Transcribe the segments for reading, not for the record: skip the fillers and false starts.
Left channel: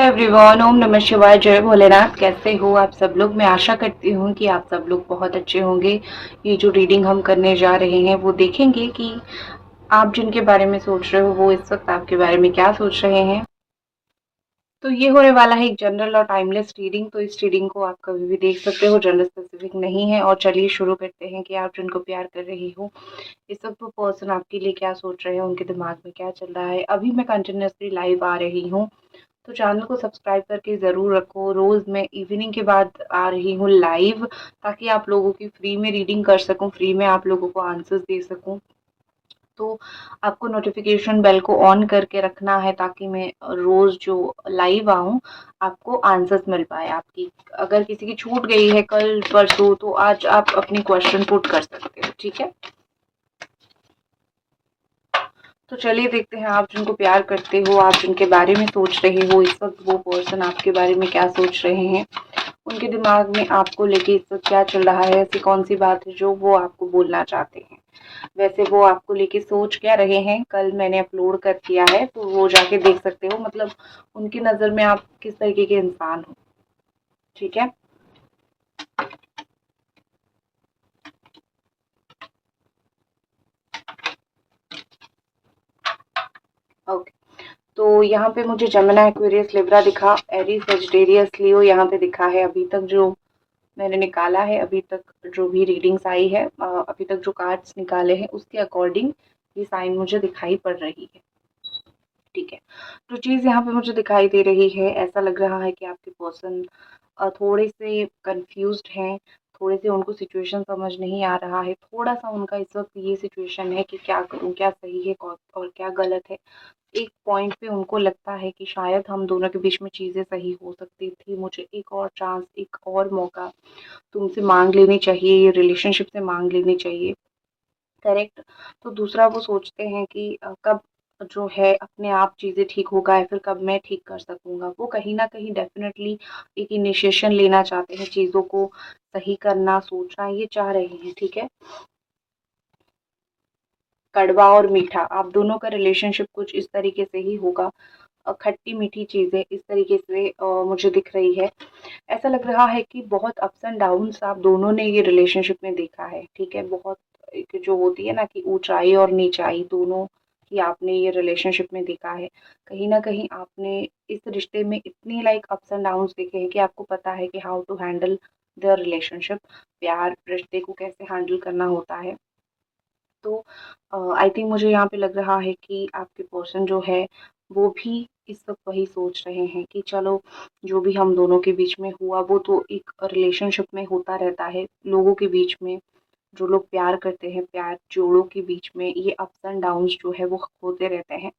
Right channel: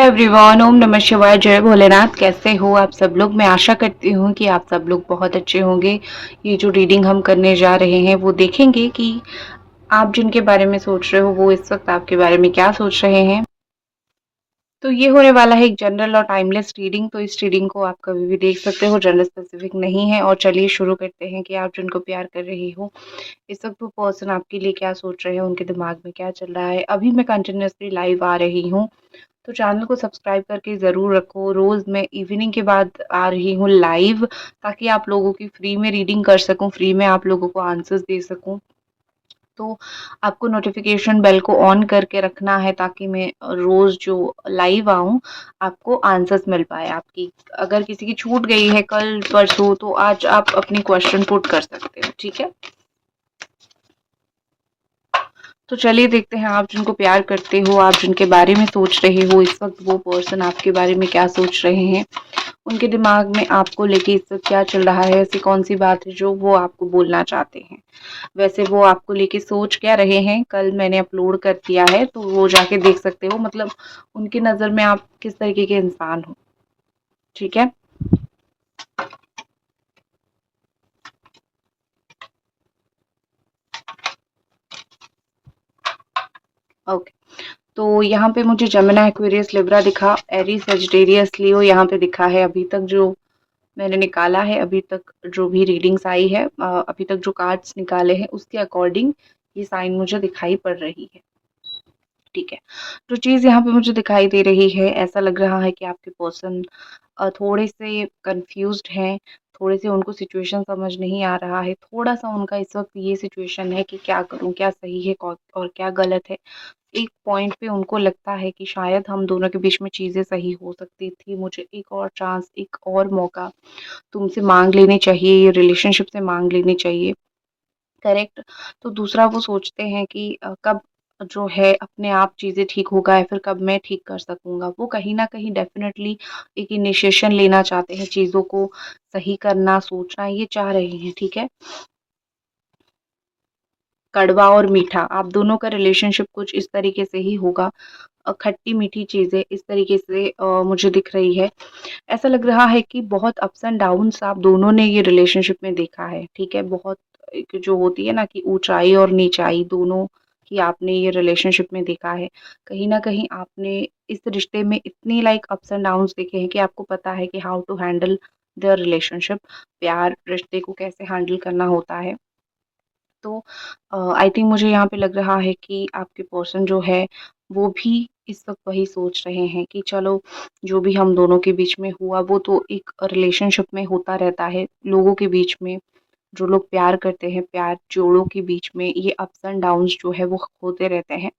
Everyone, ओम नमः शिवाय, जय भोलेनाथ। कैसे हो आप सब लोग? मैं आशा करती हूँ कि आप सब लोग बहुत अच्छे होंगे। ये जो रीडिंग हम करने जा रहे हैं वो देखेंगे कि आप जिनके बारे में सोच रहे हो वो इस वक्त आपके बारे में क्या सोच रहे हैं। तो ये होने वाला है एक जनरल और टाइमलेस रीडिंग। तो इस रीडिंग को आप कभी भी देख सकते हो, जनरल स्पेसिफिक नहीं है। और चलिए शुरू करते हैं कि आप जिनको प्यार कर रही हो इस वक्त वो पर्सन आपके लिए क्या सोच रहे हैं, उनके दिमाग में क्या चल रहा है। अभी मैं कंटिन्यूअसली लाइव आ रही हूँ, तो चैनल को सब्सक्राइब करके ज़रूर रखो। रोज़ मैं इवनिंग के बाद आ रही हूँ लाइव, ताकि आप लोगों की फ्री में रीडिंग कर सकूँ, फ्री में आप लोगों को आंसर्स दे सकूँ। तो आपको नोटिफिकेशन बेल को ऑन करके रखना है, ताकि मैं रोज़ जो लाइव आऊँ आपको आंसर्स मिल पाए। आपकी अगर किसी की छूट गई है कल परसों, तो आज आप अपनी क्वेश्चन पुट कर सकते हो, ठीक है। तो चलिए देखते हैं आप जिनको प्यार करते हो, आप जिनके बारे में सोच रहे हो इस वक्त वो पर्सन आपके बारे में क्या सोच रहे हैं। उनके दिमाग में आपको लेके इस वक्त क्या चल रहा है, ऐसी कौन सी बात है जो वो आपको बोलना चाहते हैं। वैसे वो आपको लेके सोच क्या रहे हैं, कल मैंने अपलोड कर दिया है, तो वो जाके देख सकते हो। मतलब उनकी नज़र में आप किस तरीके के इंसान हो, ठीक है। ओके, तो यहाँ पे मुझे जमिना, एक्वेरियस, लिब्रा दिखा, एरीज, सेजिटेरियस, लियो यहाँ पे दिखा है। अभी तक जो मैंने निकाला है, अभी तक जो भी रीडिंग्स आई है, अभी तक जो कार्ड्स निकाले हैं उसके अकॉर्डिंग ये साइन मुझे दिखाई पड़ रही है, ठीक है। जो चीज़ यहाँ पे मुझे दिखाई दे रही है, ऐसा लग रहा है कि आपके पर्सन थोड़े से कंफ्यूज्ड हैं, थोड़े से उनको सिचुएशन समझ नहीं आ रहा है। थोड़ा-सा उनका इस वक़्त ये सिचुएशन है कि क्या करूँ, क्या सही है और क्या गलत है। एक पॉइंट पे उनको लगता है कि शायद हम दोनों के बीच में चीज़ें सही हो सकती थी। मुझे एक और चांस, एक और मौका तुमसे माँग लेनी चाहिए, ये रिलेशनशिप से माँग लेनी चाहिए, करेक्ट? तो दूसरा वो सोचते हैं कि कब जो है अपने आप चीज़ें ठीक होगा, या फिर कब मैं ठीक कर सकूँगा। वो कहीं न कहीं डेफ़िनेटली एक इनिशिएशन लेना चाहते हैं, चीज़ों को सही करना, सोचना ये चाह रहे हैं, ठीक है? कड़वा और मीठा, आप दोनों का रिलेशनशिप कुछ इस तरीके से ही होगा। खट्टी-मीठी चीज़ें इस तरीके से मुझे दिख रही है। ऐसा लग रहा है कि बहुत अप्स एंड डाउन्स आप दोनों ने ये रिलेशनशिप में देखा है, ठीक है? बहुत एक जो होती है ना कि ऊँचाई और नीचाई दोनों की आपने ये रिलेशनशिप में देखा है। कहीं न कहीं आपने इस रिश्ते में इतनी लाइक अप्स एंड डाउन्स देखे हैं कि आपको पता है कि how to handle the relationship, प्यार रिश्ते को कैसे हैंडल करना होता है। तो आई थिंक मुझे यहाँ पे लग रहा है कि आपके पर्सन जो है वो भी इस वक़्त वही सोच रहे हैं कि चलो, जो भी हम दोनों के बीच में हुआ वो तो एक रिलेशनशिप में होता रहता है। लोगों के बीच में जो लोग प्यार करते हैं, प्यार जोड़ों के बीच में ये अप्स एंड डाउन्स जो है वो होते रहते हैं।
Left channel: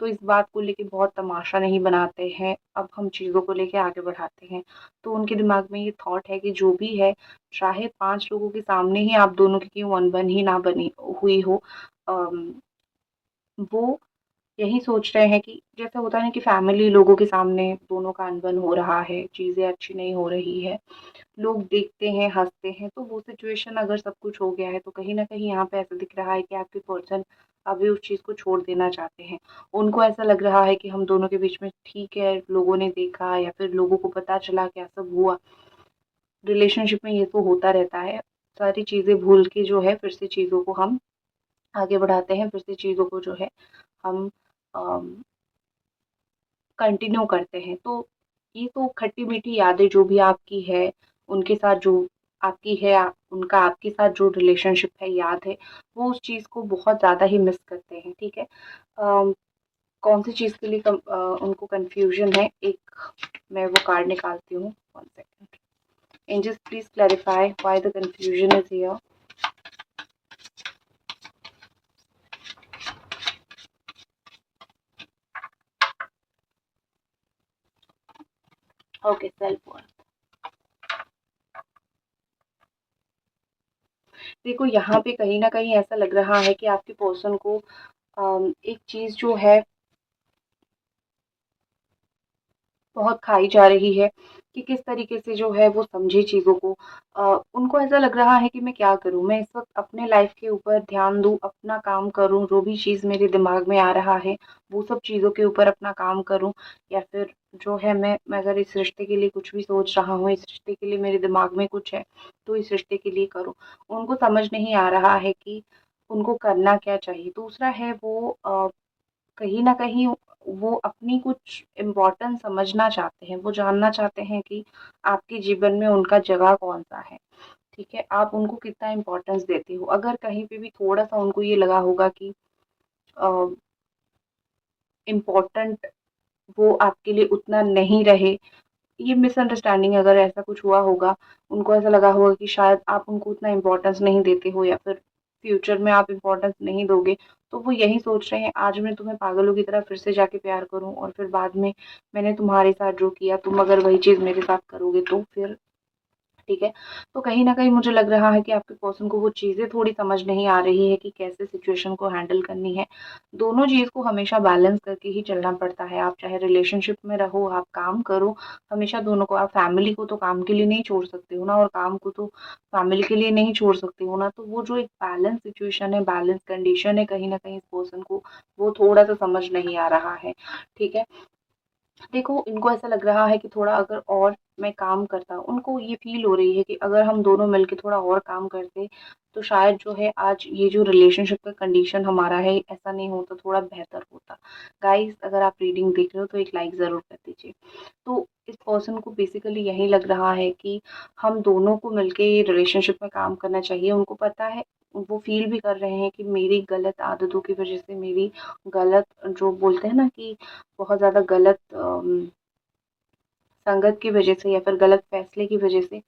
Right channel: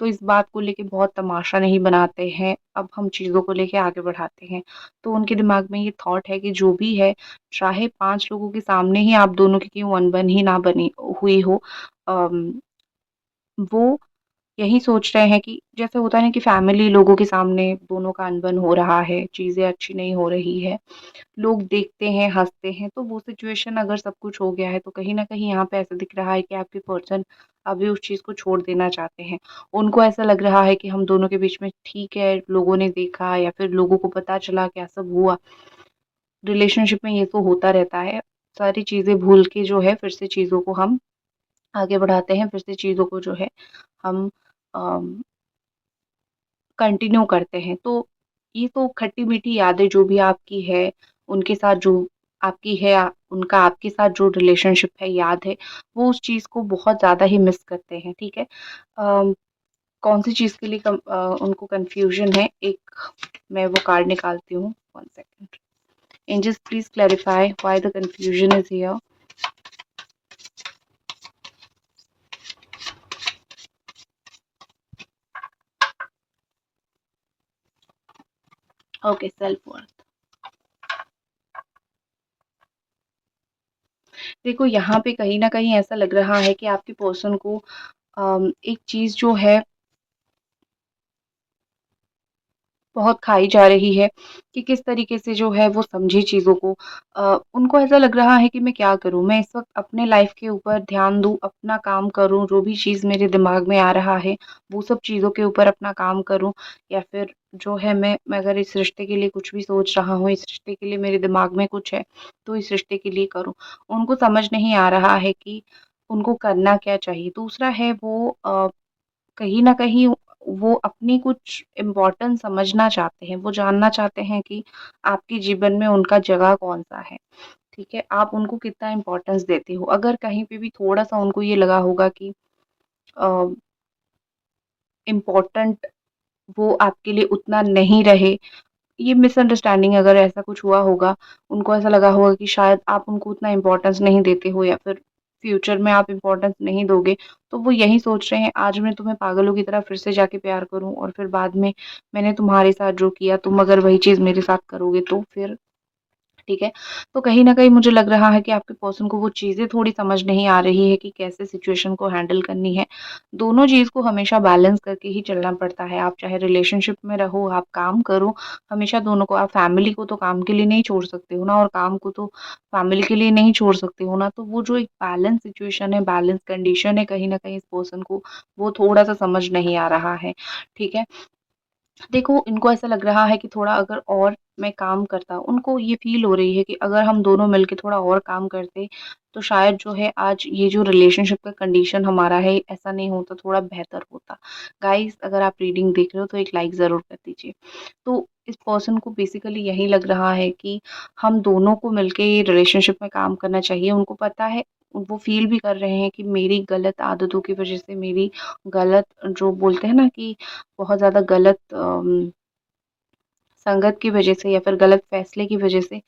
तो इस बात को लेके बहुत तमाशा नहीं बनाते हैं, अब हम चीज़ों को लेके आगे बढ़ाते हैं। तो उनके दिमाग में ये थॉट है कि जो भी है, चाहे 5 लोगों के सामने ही आप दोनों की क्यों अनबन ही ना बनी हुई हो, अम, वो यही सोच रहे हैं कि जैसे होता है ना कि फैमिली लोगों के सामने दोनों का अनबन हो रहा है, चीज़ें अच्छी नहीं हो रही है, लोग देखते हैं, हँसते हैं, तो वो सिचुएशन अगर सब कुछ हो गया है, तो कहीं न कहीं यहाँ पे ऐसा दिख रहा है कि आपके पर्सन अभी उस चीज़ को छोड़ देना चाहते हैं। उनको ऐसा लग रहा है कि हम दोनों के बीच में ठीक है, लोगों ने देखा या फिर लोगों को पता चला, क्या सब हुआ। रिलेशनशिप में ये तो होता रहता है। सारी चीज़ें भूल के जो है फिर से चीज़ों को हम आगे बढ़ाते हैं, फिर से चीज़ों को जो है हम अम, कंटिन्यू करते हैं। तो ये तो खट्टी-मीठी यादें जो भी आपकी है, उनके साथ जो आपकी है, उनका आपके साथ जो रिलेशनशिप है, याद है, वो उस चीज़ को बहुत ज़्यादा ही मिस करते हैं, ठीक है? कौन-सी चीज़ के लिए उनको कन्फ्यूज़न है, एक मैं वो कार्ड निकालती हूँ, 1 second. Angels please clarify why the confusion is here. Okay, self worth. देखो यहाँ पे कहीं न कहीं ऐसा लग रहा है कि आपके पर्सन को एक चीज़ जो है बहुत खाई जा रही है कि किस तरीके से जो है वो समझे चीज़ों को। उनको ऐसा लग रहा है कि मैं क्या करूँ? मैं इस वक़्त अपने लाइफ़ के ऊपर ध्यान दूँ, अपना काम करूँ, जो भी चीज़ मेरे दिमाग में आ रहा है, वो सब चीज़ों के ऊपर अपना काम करूँ, या फिर जो है मैं अगर इस रिश्ते के लिए कुछ भी सोच रहा हूँ, इस रिश्ते के लिए मेरे दिमाग में कुछ है, तो इस रिश्ते के लिए करूँ। उनको समझ नहीं आ रहा है कि उनको करना क्या चाहिए। दूसरा है वो कहीं न कहीं वो अपनी कुछ इम्पोर्टेंस समझना चाहते हैं, वो जानना चाहते हैं कि आपके जीवन में उनका जगह कौन-सा है, ठीक है? आप उनको कितना इम्पोर्टेंस देते हो। अगर कहीं पे भी थोड़ा-सा उनको ये लगा होगा कि अ, इम्पोर्टेंट वो आपके लिए उतना नहीं रहे, ये मिसअंडरस्टैंडिंग अगर ऐसा कुछ हुआ होगा, उनको ऐसा लगा होगा कि शायद आप उनको उतना इम्पोर्टेंस नहीं देते हो, या फिर फ्यूचर में आप इम्पोर्टेंस नहीं दोगे, तो वो यही सोच रहे हैं आज मैं तुम्हें पागलों की तरह फिर से जाके प्यार करूँ, और फिर बाद में मैंने तुम्हारे साथ जो किया तुम अगर वही चीज़ मेरे साथ करोगे तो फिर, ठीक है? तो कहीं न कहीं मुझे लग रहा है कि आपके पर्सन को वो चीज़ें थोड़ी समझ नहीं आ रही है कि कैसे सिचुएशन को हैंडल करनी है। दोनों चीज़ को हमेशा बैलेंस करके ही चलना पड़ता है। आप चाहे रिलेशनशिप में रहो, आप काम करो, हमेशा दोनों को, आप फैमिली को तो काम के लिए नहीं छोड़ सकते हो ना, और काम को तो फैमिली के लिए नहीं छोड़ सकते हो ना। तो वो जो एक बैलेंस सिचुएशन है, बैलेंस कंडीशन है, कहीं न कहीं इस पर्सन को वो थोड़ा-सा समझ नहीं आ रहा है, ठीक है? देखो, इनको ऐसा लग रहा है कि थोड़ा अगर और मैं काम करता, उनको ये फ़ील हो रही है कि अगर हम दोनों मिलके थोड़ा और काम करते, तो शायद जो है आज ये जो रिलेशनशिप का कंडीशन हमारा है, ऐसा नहीं होता, थोड़ा बेहतर होता। गाइज़, अगर आप रीडिंग देख रहे हो तो एक लाइक ज़रूर कर दीजिए। तो इस पर्सन को बेसिकली यही लग रहा है कि हम दोनों को मिलके ये रिलेशनशिप में काम करना चाहिए। उनको पता है, वो फ़ील भी कर रहे हैं कि मेरी गलत आदतों की वज़ह से, मेरी गलत जो बोलते हैं ना कि बहुत ज़्यादा गलत संगत की वज़ह से, या फिर गलत फ़ैसले की वज़ह से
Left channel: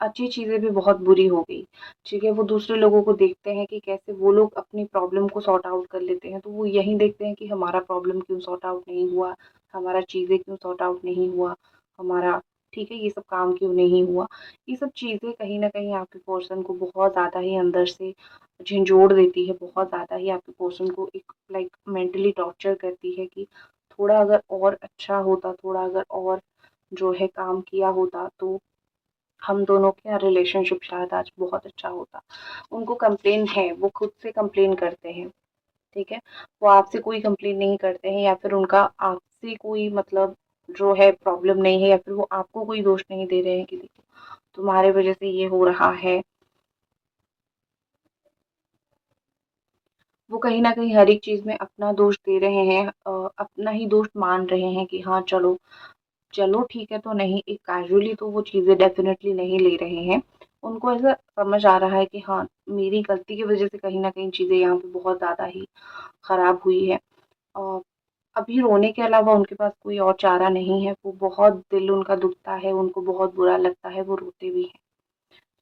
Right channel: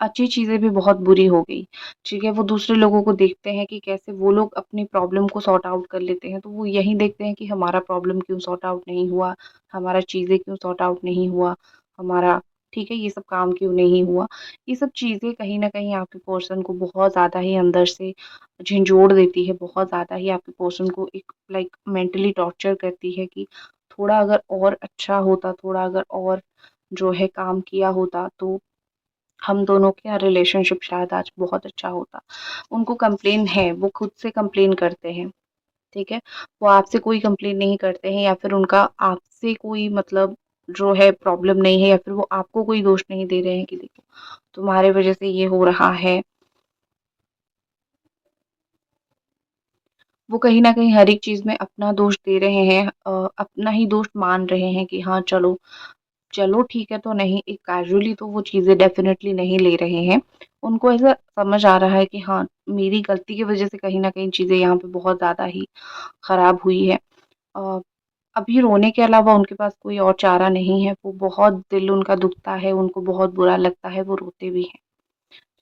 अच्छी चीज़ें भी बहुत बुरी हो गई, ठीक है? वो दूसरे लोगों को देखते हैं कि कैसे वो लोग अपनी प्रॉब्लम को सॉर्ट आउट कर लेते हैं, तो वो यही देखते हैं कि हमारा प्रॉब्लम क्यों सॉर्ट आउट नहीं हुआ, हमारा चीज़ें क्यों सॉर्ट आउट नहीं हुआ, हमारा, ठीक है, ये सब काम क्यों नहीं हुआ। ये सब चीज़ें कहीं न कहीं आपके पर्सन को बहुत ज़्यादा ही अंदर से झिंझोड़ देती है, बहुत ज़्यादा ही आपके पर्सन को एक लाइक मेंटली टॉर्चर करती है कि थोड़ा अगर और अच्छा होता, थोड़ा अगर और जो है काम किया होता, तो हम दोनों का रिलेशनशिप शायद आज बहुत अच्छा होता। उनको कंप्लेन है, वो खुद से कंप्लेन करते हैं, ठीक है? वो आपसे कोई कंप्लेन नहीं करते हैं, या फिर उनका आपसे कोई मतलब जो है प्रॉब्लम नहीं है, या फिर वो आपको कोई दोष नहीं दे रहे हैं कि देखो तुम्हारे वज़ह से ये हो रहा है। वो कहीं न कहीं हर एक चीज़ में अपना दोष दे रहे हैं, अपना ही दोष मान रहे हैं कि हाँ, चलो चलो ठीक है, तो नहीं, एक कैज़ुअली तो वो चीज़ें डेफ़िनेटली नहीं ले रहे हैं। उनको ऐसा समझ आ रहा है कि हाँ, मेरी गलती की वज़ह से कहीं न कहीं चीज़ें यहाँ पे बहुत ज़्यादा ही ख़राब हुई है। अ, अभी रोने के अलावा उनके पास कोई और चारा नहीं है, वो बहुत दिल उनका दुखता है, उनको बहुत बुरा लगता है, वो रोते भी हैं,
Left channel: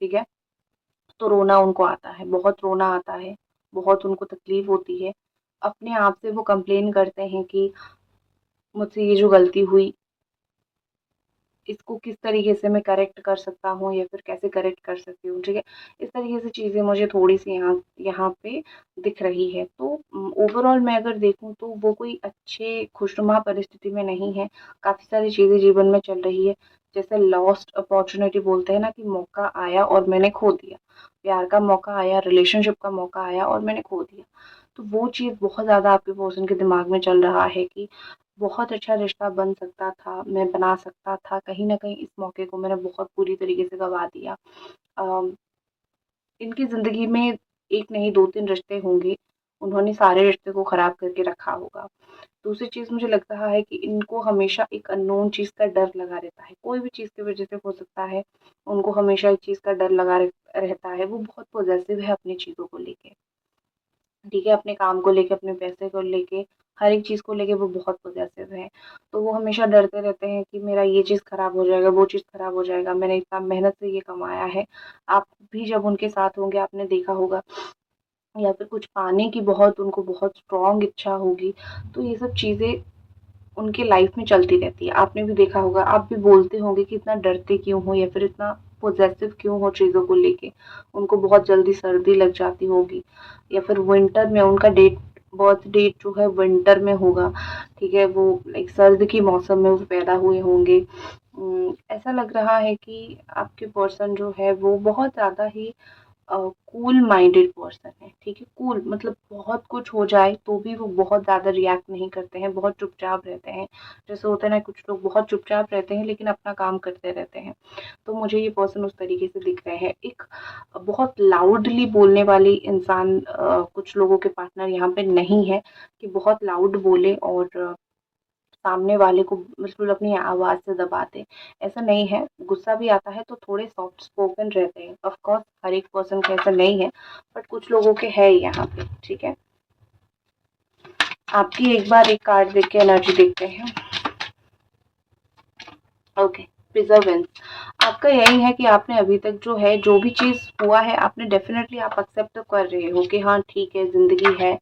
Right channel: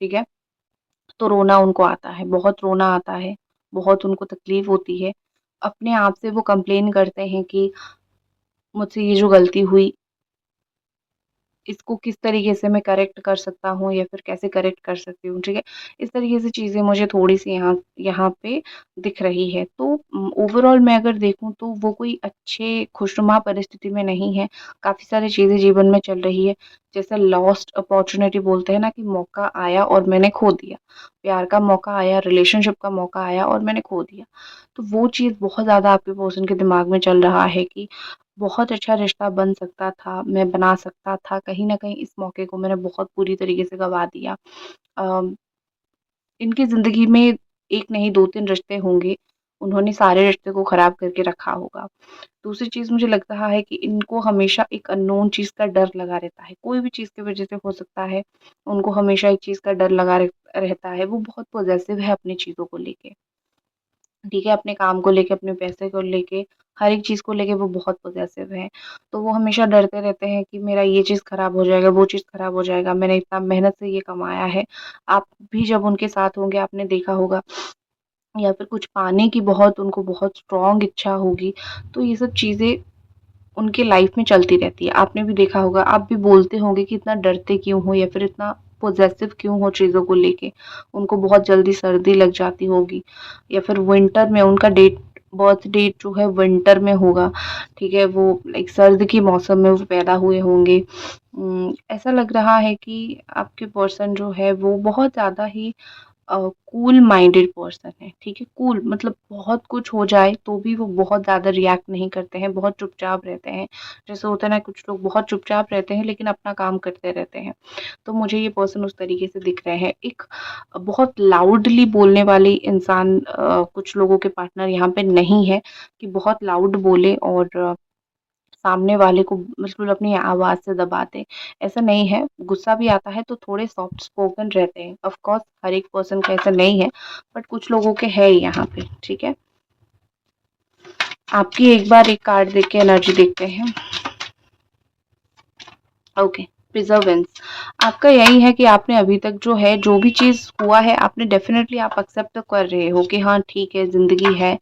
ठीक है? तो रोना उनको आता है, बहुत रोना आता है, बहुत उनको तकलीफ़ होती है। अपने आप से वो कंप्लेन करते हैं कि मुझसे ये जो गलती हुई, इसको किस तरीके से मैं करेक्ट कर सकता हूँ, या फिर कैसे करेक्ट कर सकती हूँ, ठीक है? इस तरीके से चीज़ें मुझे थोड़ी-सी यहाँ यहाँ पे दिख रही है। तो ओवरऑल मैं अगर देखूँ तो वो कोई अच्छे खुशनुमा परिस्थिति में नहीं है। काफ़ी सारी चीज़ें जीवन में चल रही है। जैसे लॉस्ट अपॉर्च्युनिटी बोलते हैं ना कि मौका आया और मैंने खो दिया। प्यार का मौका आया, रिलेशनशिप का मौका आया और मैंने खो दिया। तो वो चीज़ बहुत ज़्यादा आपके पर्सन के दिमाग में चल रहा है कि बहुत अच्छा रिश्ता बन सकता था, मैं बना सकता था, कहीं न कहीं इस मौके को मैंने बहुत बुरी तरीके से गँवा दिया। अ, इनकी ज़िंदगी में 1 नहीं 2-3 रिश्ते होंगे, उन्होंने सारे रिश्ते को ख़राब करके रखा होगा। दूसरी चीज़ मुझे लग रहा है कि इनको हमेशा एक अननोन चीज़ का डर लगा रहता है, कोई भी चीज़ की वज़ह से हो सकता है, उनको हमेशा एक चीज़ का डर लगा रहता है, वो बहुत पॉज़ेसिव है अपनी चीज़ों को लेके। ठीक है, अपने काम को लेके, अपने पैसे को लेके, हर एक चीज़ को लेके वो बहुत पॉज़ेसिव हैं। तो वो हमेशा डरते रहते हैं कि मेरा ये चीज़ खराब हो जाएगा, वो चीज़ खराब हो जाएगा, मैंने इतना मेहनत से ये कमाया है। आप भी जब उनके साथ होंगे आपने देखा होगा, या फिर कुछ पाने की बहुत उनको बहुत स्ट्रॉन्ग इच्छा होगी, तो ये सब चीज़ें उनकी लाइफ में चलती रहती है। आपने भी देखा होगा, आप भी बोलते होंगे कि इतना डरते क्यों हो, या फिर इतना पॉसेसिव क्यों हो चीज़ों को लेके। उनको बहुत जल्दी सर्दी लग जाती होगी, या फिर विंटर में उनका डेट बर्थ डेट जो है विंटर में होगा, ठीक है? वो लाइक सर्द के मौसम में वो पैदा हुए होंगे। ऐसा लग रहा है कि आपके पर्सन जो है वो बहुत ज़्यादा ही कूल माइंडेड पर्सन है, ठीक है? कूल मतलब बहुत कुछ हो जाए तो भी वो बहुत ज़्यादा रिएक्ट नहीं करते हैं, बहुत चुपचाप रहते हैं। जैसे होता है ना कुछ लोग बहुत चुपचाप रहते हैं लेकिन अपना काम करते रहते हैं, तो मुझे ये पर्सन उस तरीके से दिख रहे हैं। एक बहुत लाउडली बोलने वाले इंसान कुछ लोगों के पार्टनर यहाँ पे नहीं है कि बहुत लाउड बोले और सामने वाले को बिल्कुल अपनी आवाज़ से दबा दें, ऐसा नहीं है। गुस्सा भी आता है तो थोड़े सॉफ्ट स्पोकन रहते हैं। ऑफ कोर्स हर एक पर्सन का ऐसा नहीं है, बट कुछ लोगों के है यहाँ पे, ठीक है? आपकी एक बार एक कार्ड देख के एनर्जी देखते हैं। ओके, प्रिजर्वेंस। आपका यही है कि आपने अभी तक जो है, जो भी चीज़ हुआ है, आपने डेफ़िनेटली आप एक्सेप्ट तो कर रहे हो कि हाँ, ठीक है, ज़िंदगी है।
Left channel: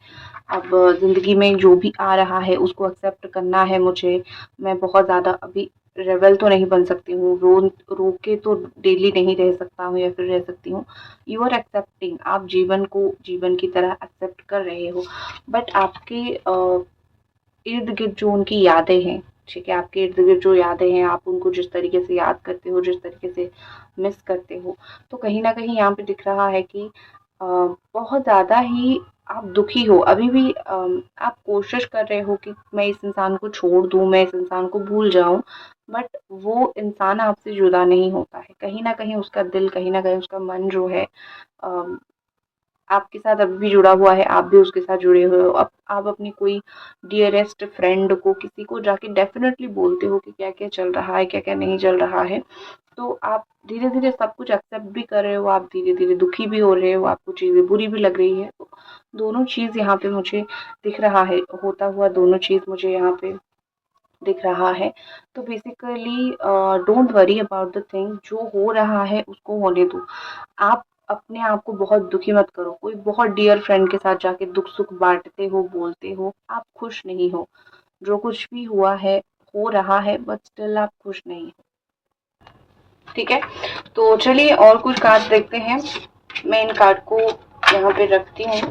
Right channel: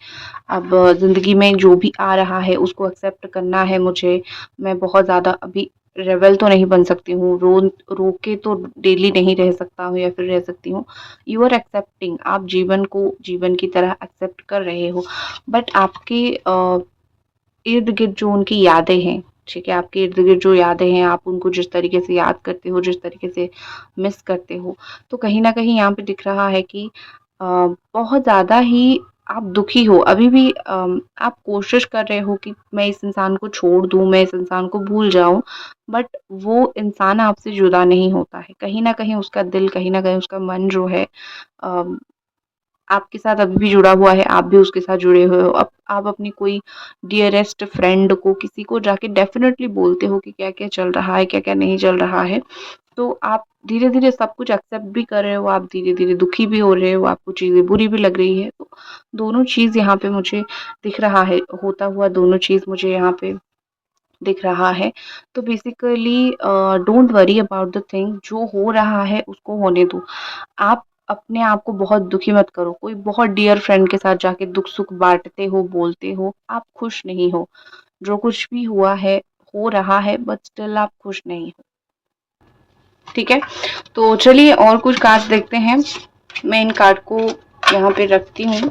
अब ज़िंदगी में जो भी आ रहा है, उसको एक्सेप्ट करना है मुझे। मैं बहुत ज़्यादा अभी रेबेल तो नहीं बन सकती हूँ, रो के तो डेली नहीं रह सकता हूँ या फिर रह सकती हूँ। यू आर एक्सेप्टिंग, आप जीवन को जीवन की तरह एक्सेप्ट कर रहे हो। बट आपके इर्द-गिर्द जो उनकी यादें हैं, ठीक है? आपके इर्द-गिर्द जो यादें हैं, आप उनको जिस तरीके से याद करते हो, जिस तरीके से मिस करते हो, तो कहीं न कहीं यहाँ पे दिख रहा है कि अ, बहुत ज़्यादा ही आप दुखी हो। अभी भी आप कोशिश कर रहे हो कि मैं इस इंसान को छोड़ दूँ, मैं इस इंसान को भूल जाऊँ, बट वो इंसान आपसे जुदा नहीं होता है। कहीं न कहीं उसका दिल, कहीं न कहीं उसका मन जो है अ आपके साथ अभी भी जुड़ा हुआ है, आप भी उसके साथ जुड़े हुए हो। अब आप अपनी कोई डियरेस्ट फ्रेंड को, किसी को जाके डेफ़िनेटली बोलते हो कि क्या-क्या चल रहा है, क्या-क्या नहीं चल रहा है। तो आप धीरे-धीरे सब कुछ एक्सेप्ट भी कर रहे हो, आप धीरे-धीरे दुखी भी हो रहे हो, आपको चीज़ें बुरी भी लग रही है। तो दोनों चीज़ यहाँ पे मुझे दिख रहा है, होता हुआ दोनों चीज़ मुझे यहाँ पे दिख रहा है। तो basically don't worry about the thing, जो हो रहा है उसको होने दो। आप अपने आप को बहुत दुखी मत करो। कोई बहुत डियर फ्रेंड के साथ जाके दुख-सुख बाँटते हो, बोलते हो, आप खुश नहीं हो। जो कुछ भी हुआ है, हो रहा है बट स्टिल आप खुश नहीं हो। ठीक है? तो चलिए और कुछ कार्ड्स देखते हैं। मैं इन कार्ड को यहाँ पे रखती हूँ।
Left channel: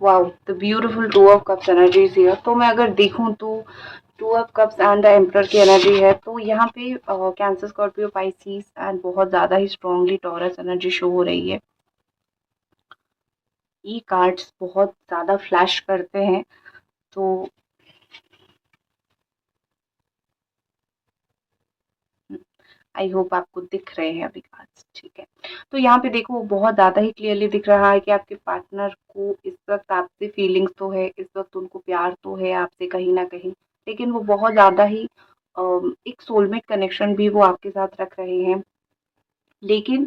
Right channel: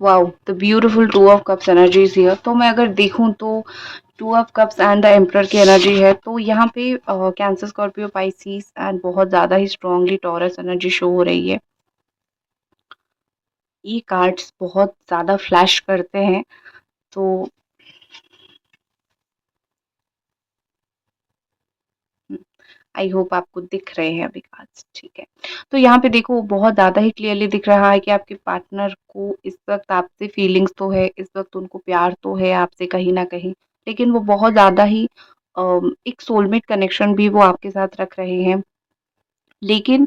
Wow! The beautiful two of cups energy is here. तो मैं अगर देखूँ तो two of cups and the emperor की एनर्जी है, तो यहाँ पे कैंसर, स्कॉर्पियो, पाइसेस एंड बहुत ज़्यादा ही स्ट्रांगली टॉरस एनर्जी शो हो रही है। ये कार्ड्स बहुत ज़्यादा फ्लैश करते हैं, तो आई होप आपको दिख रहे हैं अभी कार्ड्स, ठीक है। तो यहाँ पे देखो बहुत ज़्यादा ही क्लियरली दिख रहा है कि आपके पार्टनर को इस वक़्त आपसे फीलिंग्स तो है, इस वक़्त उनको प्यार तो है आपसे कहीं न कहीं, लेकिन वो बहुत ज़्यादा ही एक सोलमेट कनेक्शन भी वो आपके साथ रख रहे हैं। लेकिन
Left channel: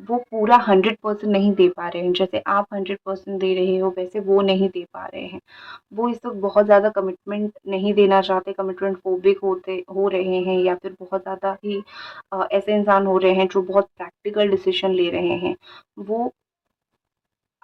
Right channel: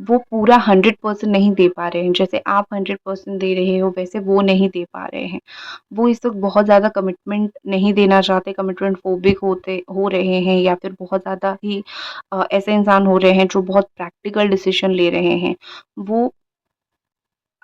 वो पूरा 100% नहीं दे पा रहे हैं। जैसे आप 100% दे रहे हो, वैसे वो नहीं दे पा रहे हैं। वो इस वक़्त बहुत ज़्यादा कमिटमेंट नहीं देना चाहते, कमिटमेंट फोबिक हो रहे हैं या फिर बहुत ज़्यादा ही ऐसे इंसान हो रहे हैं जो बहुत प्रैक्टिकल डिसीज़न ले रहे हैं। वो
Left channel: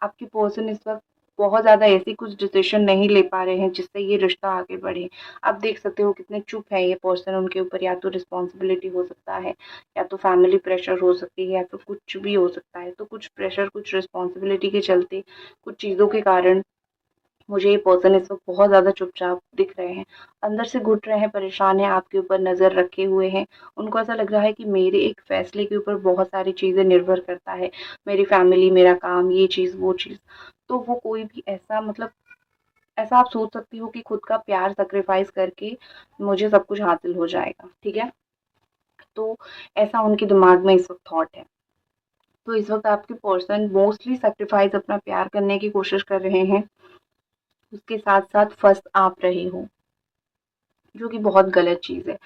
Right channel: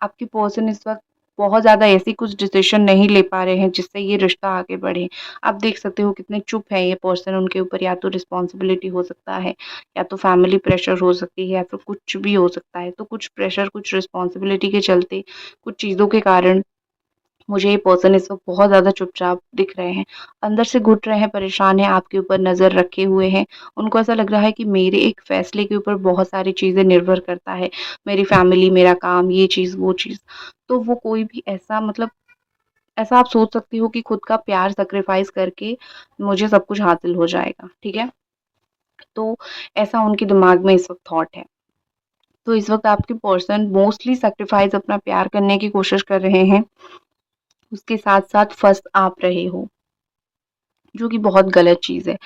आपके पर्सन इस वक़्त बहुत ज़्यादा ऐसी कुछ डिसीज़न नहीं ले पा रहे हैं जिससे ये रिश्ता आगे बढ़े। आप देख सकते हो कितने चुप है ये पर्सन, उनके ऊपर या तो रिस्पॉन्सिबिलिटी हो सकता है, या तो फैमिली प्रेशर हो सकती है या फिर कुछ भी हो सकता है। तो कुछ प्रेशर, कुछ रिस्पॉन्सिबिलिटी के चलते, कुछ चीज़ों के कारण मुझे ये पर्सन इस वक़्त बहुत ज़्यादा चुपचाप दिख रहे हैं। अंदर से घुट रहे हैं, परेशान हैं, आपके ऊपर नज़र रखे हुए हैं। उनको ऐसा लग रहा है कि मेरे एक फ़ैसले के ऊपर बहुत सारी चीज़ें निर्भर करता है। मेरी फ़ैमिली, मेरा काम, ये चीज़, वो चीज़। तो वो कोई भी ऐसा मतलब ऐसा आप सोच सकते हो कि खुद का प्यार सैक्रिफ़ाइस करके मुझे सब कुछ हासिल हो जाएगा, ठीक है? तो ऐसा उनके दिमाग में इस वक़्त थॉट है। तो इस वक़्त आपके पर्सन मोस्टली सैक्रिफ़ाइस अपना प्यार करने की कोशिश कर रहे हैं। उसके साथ-साथ फँस आप रहे हो, जो कि बहुत गलत चीज़ है।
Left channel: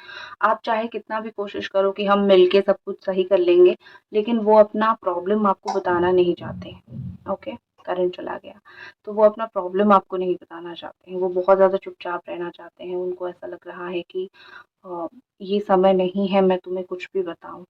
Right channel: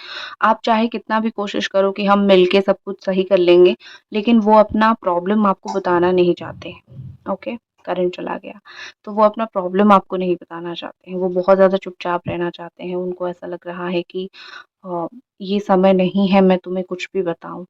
आप चाहे कितना भी कोशिश करो कि हम मिलके सब कुछ सही कर लेंगे, लेकिन वो अपना प्रॉब्लम आपको बताना नहीं चाहते हैं, ओके? करंट चला गया। तो वो अपना प्रॉब्लम आपको नहीं बताना चाहते हैं, वो बहुत ज़्यादा चुपचाप रहना चाहते हैं। उनको ऐसा लग रहा है कि अ, ये समय नहीं है मैं तुम्हें कुछ भी बताऊँ,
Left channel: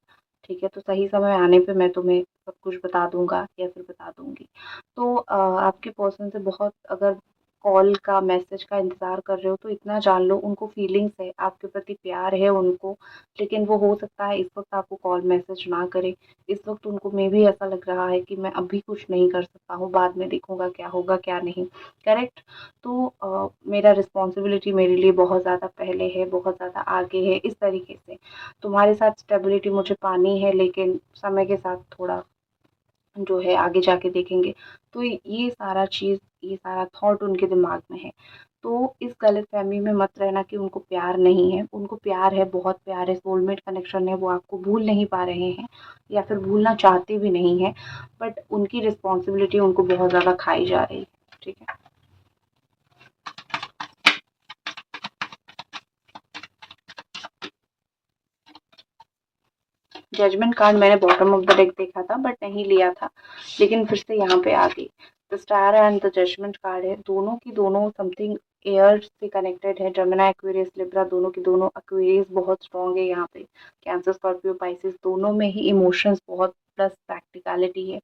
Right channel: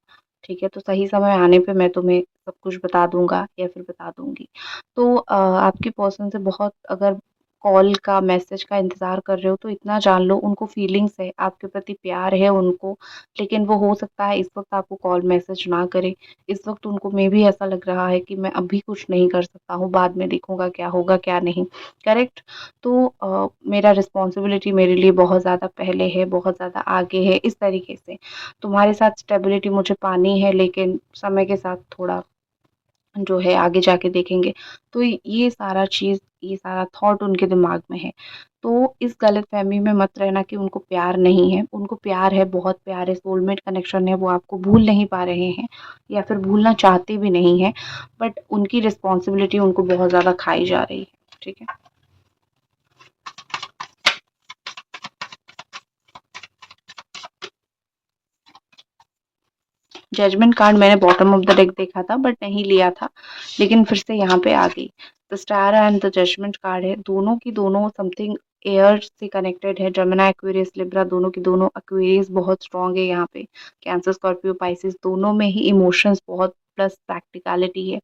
ठीक है? तो सही समय आने पे मैं तुम्हें सब कुछ बता दूँगा या फिर बता दूँगी। तो आपके पर्सन से बहुत अगर कॉल का, मैसेज का इंतज़ार कर रहे हो तो इतना जान लो उनको फीलिंग्स है, आपके प्रति प्यार है उनको, लेकिन वो हो सकता है इस वक़्त आपको कॉल, मैसेज ना करें। इस वक़्त उनको मेबी ऐसा लग रहा है कि मैं अभी कुछ नहीं कर सकता हूँ, बाद में देखूँगा क्या होगा, क्या नहीं, करेक्ट? तो मेरा रिस्पॉन्सिबिलिटी मेरे लिए बहुत ज़्यादा पहले है, बहुत ज़्यादा आगे है, इस तरीके से। तुम्हारे साथ स्टेबिलिटी मुझे पानी है लेकिन समय के साथ थोड़ा जो है आगे जाके देखेंगे। तो ये सारा चीज़, ये सारा थॉट उनके दिमाग में है। तो इस गलतफ़हमी में मत रहना कि उनको प्यार नहीं है, उनको प्यार है, बहुत प्यार है, सोलमेट कनेक्शन है, वो आपको भूल नहीं पा रहे हैं या फिर भूलना चाहते भी नहीं हैं, बट उनकी रिस्पॉन्सिबिलिटी उनको बहुत ज़्यादा खाई जा रही है, ठीक है? जजमेंट कार्ड मैंने बॉटम ऑफ द डेक देखा था बट नहीं लिया था, लेकिन फिर से यहाँ पे आ गई। The star and the judgement card है, दोनों की दोनों समथिंग एयर से कनेक्टेड है। जेमिनी, एक्वेरियस, लिब्रा, दोनों की दोनों। एक्वेरियस बहुत स्ट्रांग है यहाँ पे, कैंसर, स्कॉर्पियो, पाइसिस दोनों में ही इमोशंस बहुत प्लस प्रैक्टिकलिटी है।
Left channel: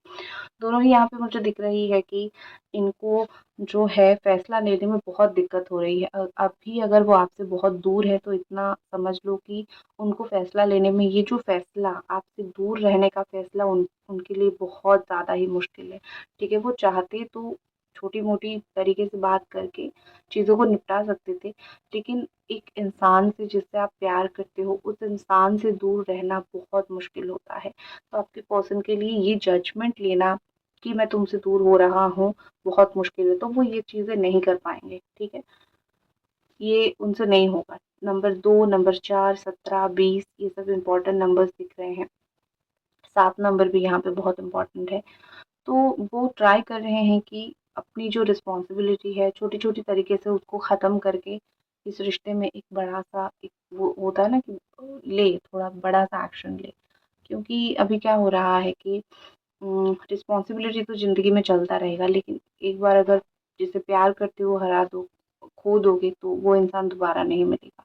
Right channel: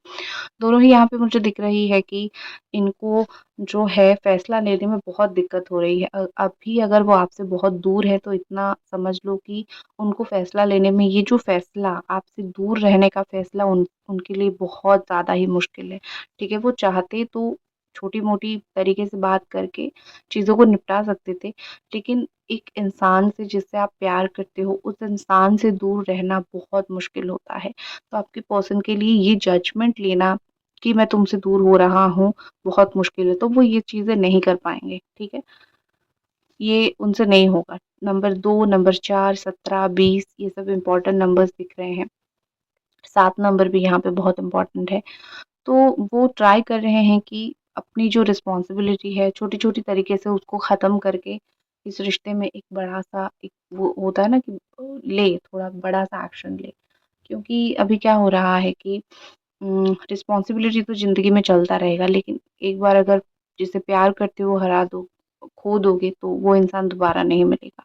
दोनों ही यहाँ पे मुझे दिख रही है कि इनको जो है फैसला लेने में बहुत दिक्कत हो रही है। अभी अगर वो आपसे बहुत दूर है तो इतना समझ लो कि उनको फैसला लेने में, ये जो फैसला आपसे दूर रहने का फैसला उनके लिए बहुत ज़्यादा ही मुश्किल है, ठीक है? वो चाहते तो छोटी-मोटी तरीके से बात करके चीज़ों को निपटा सकते थे, लेकिन एक इंसान से जिससे आप प्यार करते हो, उस इंसान से दूर रहना बहुत मुश्किल होता है। तो आपके पर्सन के लिए ये जजमेंट लेना कि मैं तुमसे दूर हो रहा हूँ, बहुत मुश्किल है, तो वो ये चीज़ें नहीं कर पाएँगे, ठीक है? ये उनसे नहीं होगा। नंबर 2, नंबर 4, 17, 20 ये सब इम्पोर्टेंट नंबर्स दिख रहे हैं। 7 नंबर भी यहाँ पे बहुत इम्पोर्टेंट है। तो वो ट्राई कर रहे हैं कि अपनी जो रिस्पॉन्सिबिलिटी है, छोटी-छोटी तरीके से उसको ख़त्म करके इस रिश्ते में एक बड़ा-सा, एक वो होता है ना कि ले थोड़ा बड़ा-सा एक्शन ले। क्योंकि अभी क्या हो रहा है कि रिस्पॉन्सिबिलिटी तो ज़िंदगी में चलता रहेगा, लेकिन एक बार अगर जिसे प्यार करते हो हरा दो, खो दोगे तो वो इंसान दोबारा नहीं मिलेगा।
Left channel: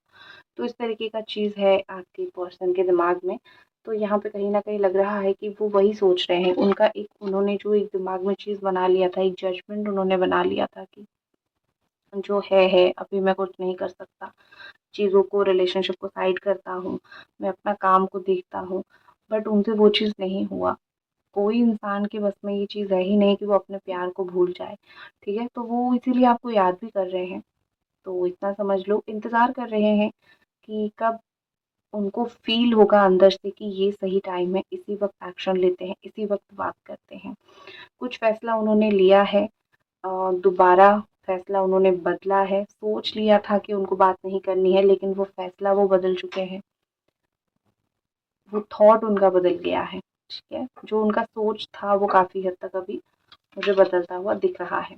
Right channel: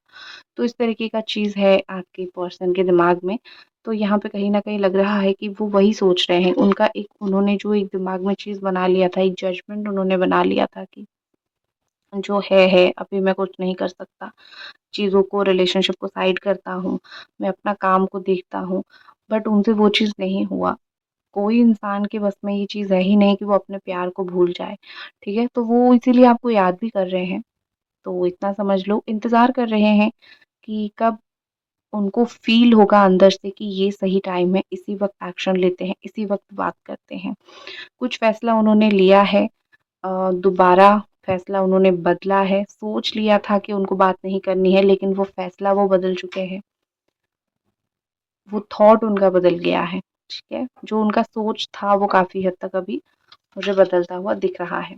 तो इस तरीके का चीज़ है आपके पर्सन के दिमाग में। तो यहाँ पे कहीं न कहीं लग रहा है कि वो वही सोच रहे हैं। उनका एक, उन्होंने जो एक दिमाग में चीज़ बना लिया था, एक जजमेंट उन्होंने बना लिया था कि जो है, अभी मैं कुछ नहीं कर सकता। चीज़ों को, रिलेशनशिप को साइड करता हूँ, मैं अपना काम को देखता हूँ, बट उनसे वो चीज़ नहीं हुआ। कोई इंसान के बस में ये चीज़ है ही नहीं कि वो अपने प्यार को भूल जाए, ठीक है? तो वो इसीलिए आपको याद भी कर रहे हैं। तो इतना समझ लो, इंतज़ार कर रहे हैं कि कब उनको फ़ील होगा अंदर से कि ये सही टाइम है, इसी वक़्त एक्शन लेते हैं, इसी वक़्त बात करते हैं। कुछ फ़ैसला उन्होंने लिया है, दोबारा फ़ैसला उन्होंने बदला है, सोच लिया था कि उनको बात नहीं करनी है, लेकिन वो फ़ैसला वो बदल चुके हैं। वो थॉट उनका बदल गया है, ठीक है? जो उनका सोच था वो काफ़ी हद तक अभी मुझे बदलता हुआ दिख रहा है।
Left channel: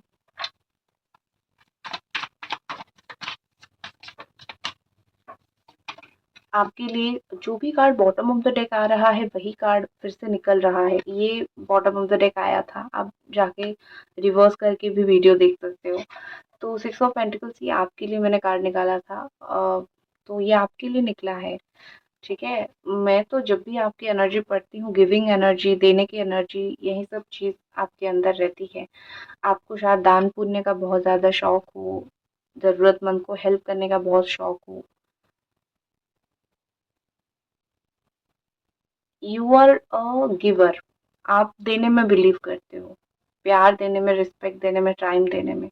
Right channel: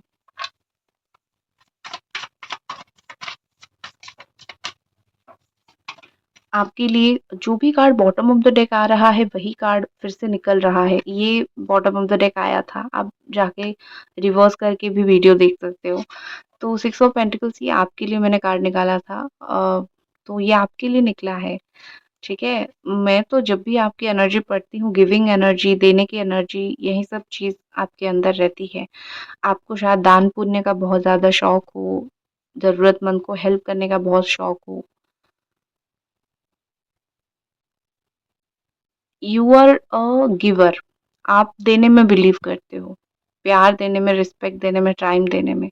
आपके लिए जो भी card bottom of the deck आ रहा है वही कार्ड फिर से निकल रहा है। ये बॉटम ऑफ द डेक आया था, आप जाके रिवर्स करके भी वीडियो देख सकते हो। तो 6 ऑफ पेंटिकल्स ये आपके लिए मैंने कार्ड निकाला था। तो ये आपके लिए निकला है, ठीक है? मैं तो जब भी आपकी एनर्जी पढ़ती हूँ, गिविंग एनर्जी, देने की एनर्जी, यही सब चीज़ आपके अंदर रहती है। आपको शायद दान पुण्य का बहुत ज़्यादा शौक हो, ज़रूरतमंद को हेल्प करने का बहुत शौक हो। यू आर अ गिवर, आप देने में बिलीव करते हो, प्यार देने में, रिस्पेक्ट देने में, टाइम देने में,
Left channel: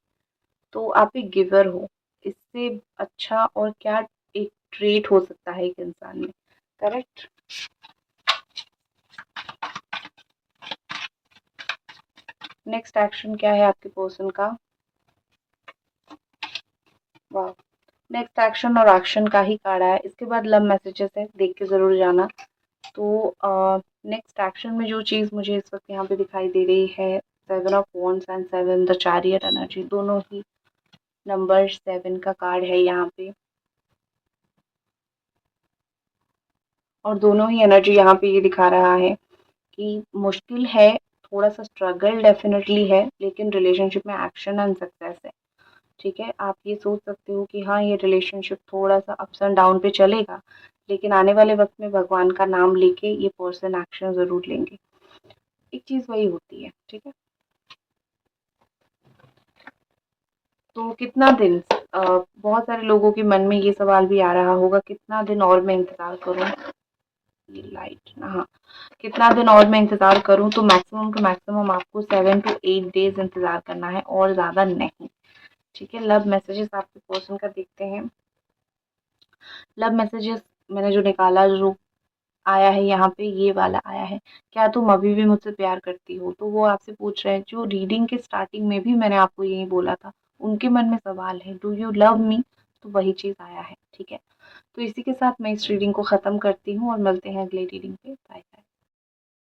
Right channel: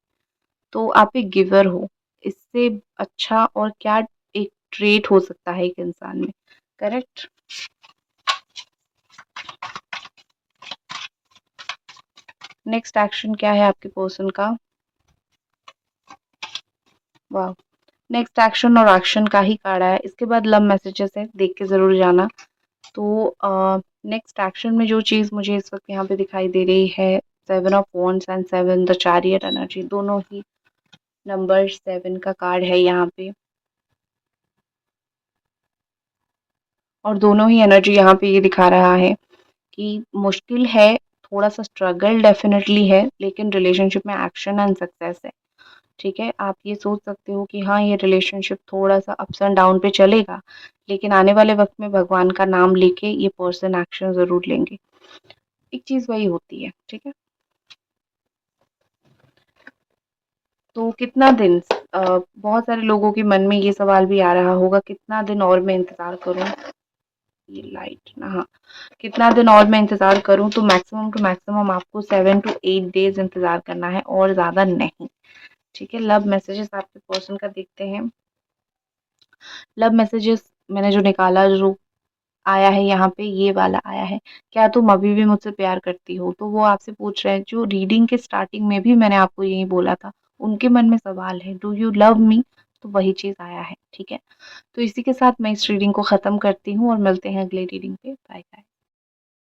तो आप एक गिवर हो। इससे अच्छा और क्या एक ट्रेट हो सकता है एक इंसान में, करेक्ट? नेक्स्ट एक्शन क्या है आपके पर्सन का? वाह, नेक्स्ट एक्शन और एक्शन का ही कार्ड है। इसके बाद लव मैसेजेस है, देख के ज़रूर जाना। तो नेक्स्ट एक्शन में जो चीज़ मुझे इस वक्त यहाँ पे दिखाई दे रही है, 7 of wands and 7 the chariot energy, दोनों ही नंबर 7 का कार्ड है यहाँ पे, और दोनों ही एनर्जी यहाँ पे ये दिखा रहा है कि मुश्किल है, थोड़ा सा स्ट्रगल डेफिनेटली है, लेकिन रिलेशनशिप में एक्शन एंड सक्सेस है, ठीक है? आप ये सोच सकते हो कि हाँ, ये रिलेशनशिप थोड़ा-सा अप्स एंड डाउन पे चलेगा, लेकिन आने वाले वक़्त में भगवान का नाम लेके ये पर्सन एक्शन ज़रूर लेंगे। एक चीज़ वही होती है, ठीक है? तो कितना दिन बहुत सारे लोगों के मन में ये सवाल भी आ रहा होगा, कितना दिन और मैं इंतज़ार करूँ? ये लाइट ना, हाँ, कितना दिन और मैं इंतज़ार करूँ? तो मैक्सिमम टू मैक्सिमम आपको 7 टू 8 डेज़ इंतज़ार करना है और ज़्यादा नहीं, ठीक है? लव मैसेजेस आपके पर्सन का देखते हैं। लव मैसेजेस मैंने जो निकाला, जो आया है यहाँ पे, ये वाला आया है, क्या तुम अभी भी मुझसे प्यार करती हो? तो वो आपसे पूछ रहे हैं, जो रीडिंग के स्टार्टिंग में भी मैंने आपको यही बोला था, उनके मन में सवाल है, डू यू लव मी? तो वही चीज़ आया है, ठीक है? तो इसी के साथ मैं इस रीडिंग को ख़त्म करती हूँ और मिलते हैं अगले रीडिंग पे। Bye bye.